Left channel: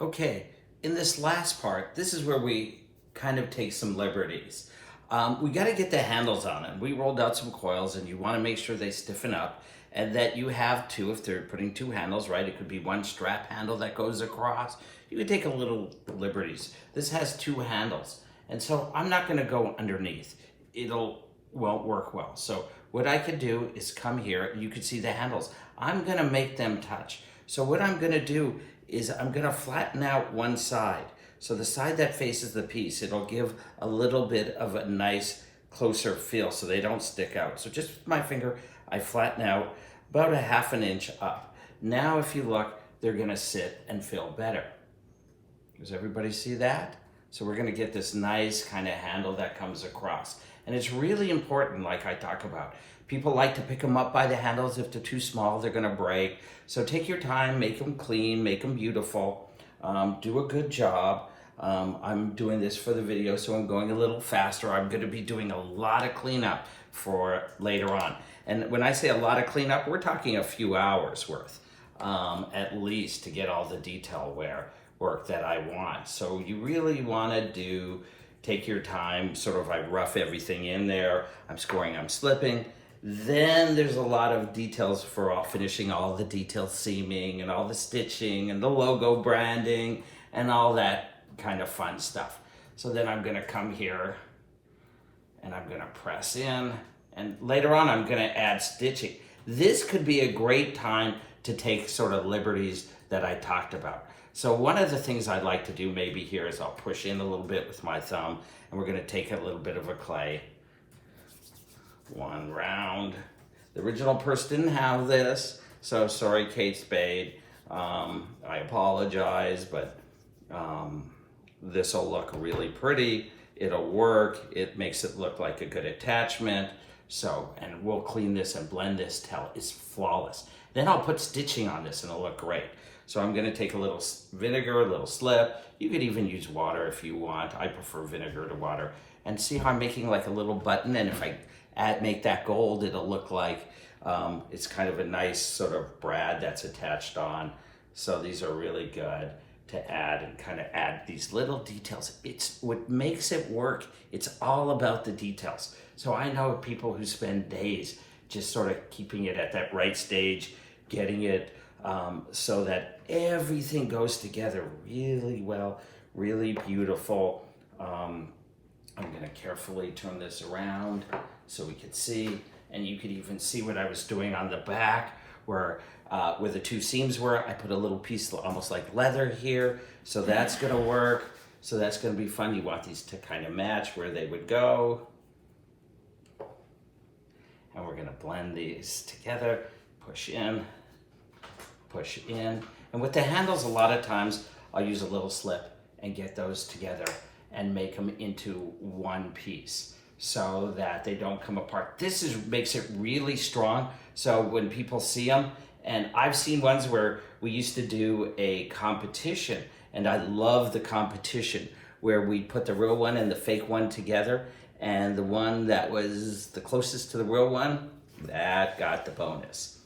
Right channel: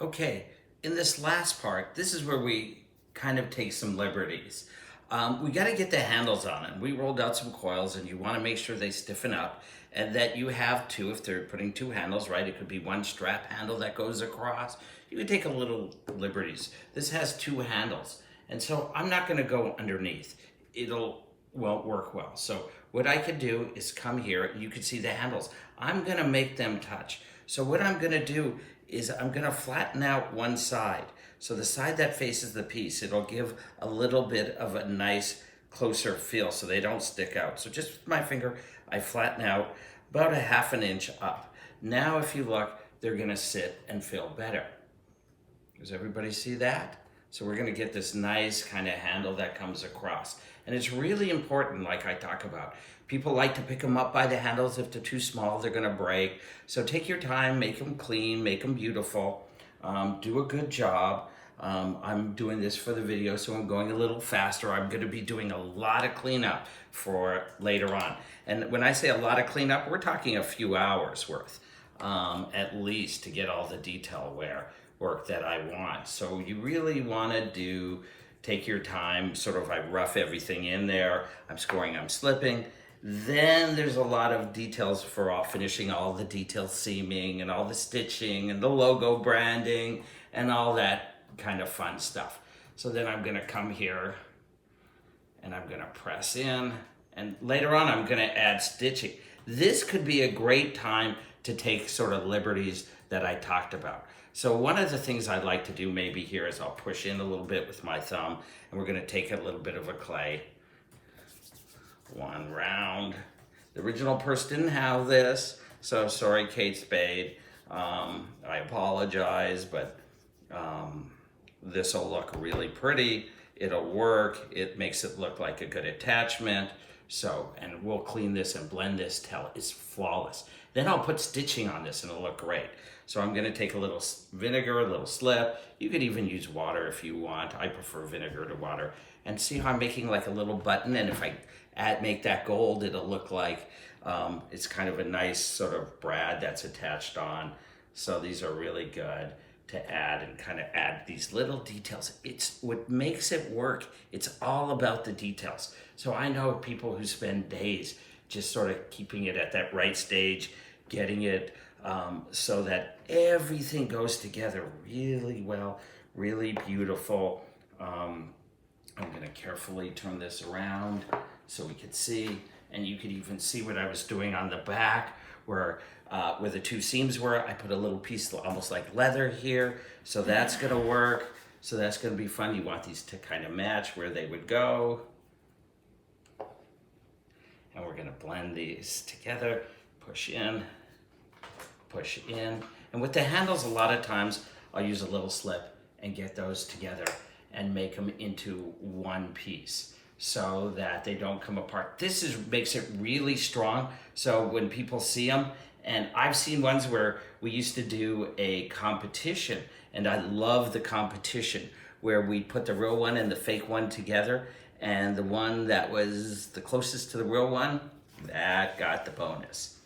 Okay, in this last part, this is where we kind of take some liberties. We got to get the handles on it. We rolled out some coils and you want to make sure they stiffen up and that you have two, if they're putting two handles, right? It could be one strap handle that goes across. You could take a little liberties. This has two handles. And so I'm not going to go underneath. Won't work well. So what I could do is come here and you can see the handles. I'm going to make them touch. So what I'm going to do is I'm going to flatten out one side. So the side that faces the piece, it'll give a little bit of a nice closer feel so they don't stick out. So just with my finger, I flatten out about a ½ an inch up. Now if you look, they're going to sit and feel better. Does everybody see that? So we're going to get this nice kind of handle that comes across. And it's really important, like I talk about. People like to pick them up by the handles. If they're too small, they're going to break. So take your time, make them clean, make them beautiful. Do a good job. I'm doing this for the video, so I'm going a little faster. I'm going to be doing a lot of cleanup for later on. And when I say a lot of cleanup, we're talking a few hours worth, at least, to get all the detail work that I want. So you really want to take your time, sort of I rough everything in there. I'm scoring, I'm slipping. Then there's a lot of details for finishing all the detail seaming and all the stitching and the logo branding and all that kind of fun stuff. So then I'm gonna come here and I'm gonna press in, and later on I'm gonna add stitching. This could be a great time to take sort of liberties that I talked about. So one of the things I'd like to do maybe here is I'll push in a little bit with my thumb, and we're gonna take a little bit of a clay. One round. The original purse didn't have this, so sorry, Kate Spade. I apologize, but this will look really pretty. It'll work. It makes it look like a good attachment. So, and we'll clean this and blend this till it's flawless. Then I'll put stitching on this and it'll look great. So I'm gonna take a little vinegar, a little slip. You could even use water if you want. I prefer vinegar to water. And see how I'm making like a little button, and if I make that gold, it'll look like it's kind of a nice sort of brad that's attached on. So these are really good to add and kind of add these little details. It's what makes it work. It's all about the details. So I know people who spend days just sort of keeping it at that right stage, getting it so that everything goes together really well, really beautiful. I'm gonna carefully turn this around so we could see, and you could even see what I was doing on the back where the two seams were. I put a little piece almost like leather here, so that's gonna work. So that's gonna be fun. You want these to kind of match where they would go. And we're gonna blend these together, push in. And with the handles, a lot of times I'll use a little slip and get those together and make them into one piece so that they don't come apart. This makes it really strong. So when people see them, and I've seen ones where we used to do a competition, and I love the competition where we put the real one and the fake one together, and the one that was the closest to the real one, that got the bonus.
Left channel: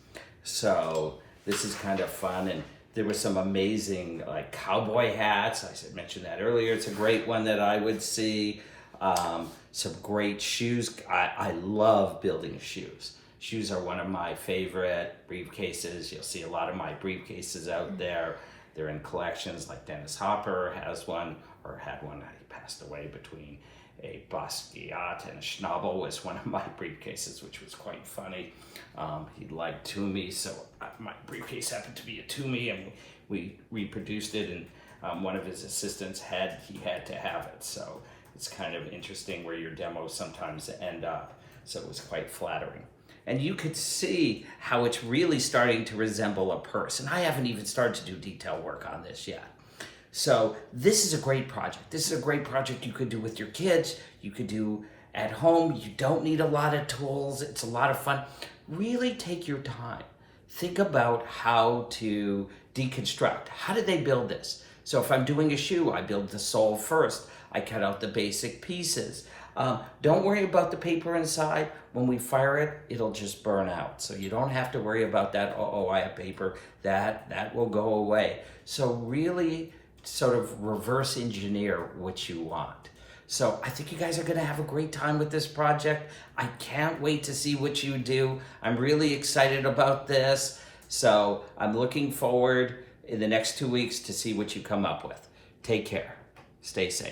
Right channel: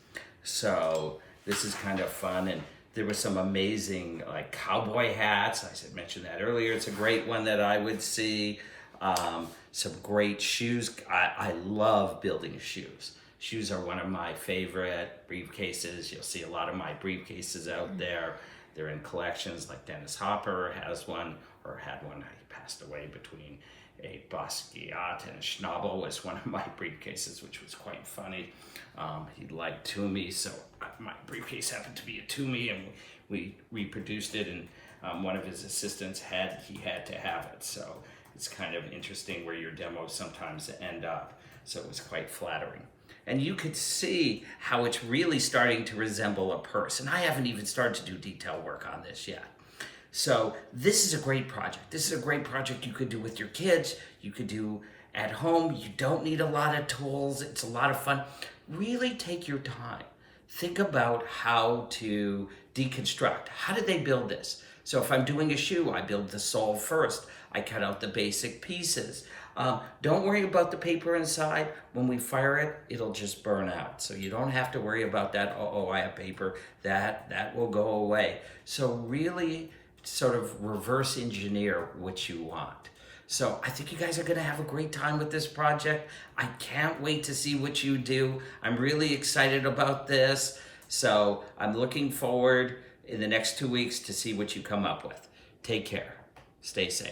So this is kind of fun, and there were some amazing like cowboy hats. I mentioned that earlier. It's a great one that I would see. Some great shoes. I love building shoes. Shoes are one of my favorite. Briefcases. You'll see a lot of my briefcases out there. They're in collections, like Dennis Hopper has one, or had one. He passed away between a Basquiat and a Schnabel was one of my briefcases, which was quite funny. He liked Toomey, so my briefcase happened to be a Toomey, and we reproduced it, and one of his assistants had to have it. So it's kind of interesting where your demos sometimes end up. So it was quite flattering. And you could see how it's really starting to resemble a purse. And I haven't even started to do detail work on this yet. So this is a great project. This is a great project you could do with your kids. You could do at home. You don't need a lot of tools. It's a lot of fun. Really take your time. Think about how to deconstruct. How did they build this? So if I'm doing a shoe, I build the sole first. I cut out the basic pieces. Don't worry about the paper inside. When we fire it, it'll just burn out. So you don't have to worry about that. Oh, I have paper. That will go away. So really sort of reverse engineer what you want. So I think you guys are gonna have a great time with this project. I can't wait to see what you do. I'm really excited about this. So I'm looking forward in the next 2 weeks to see what you come up with. Take care. Stay safe.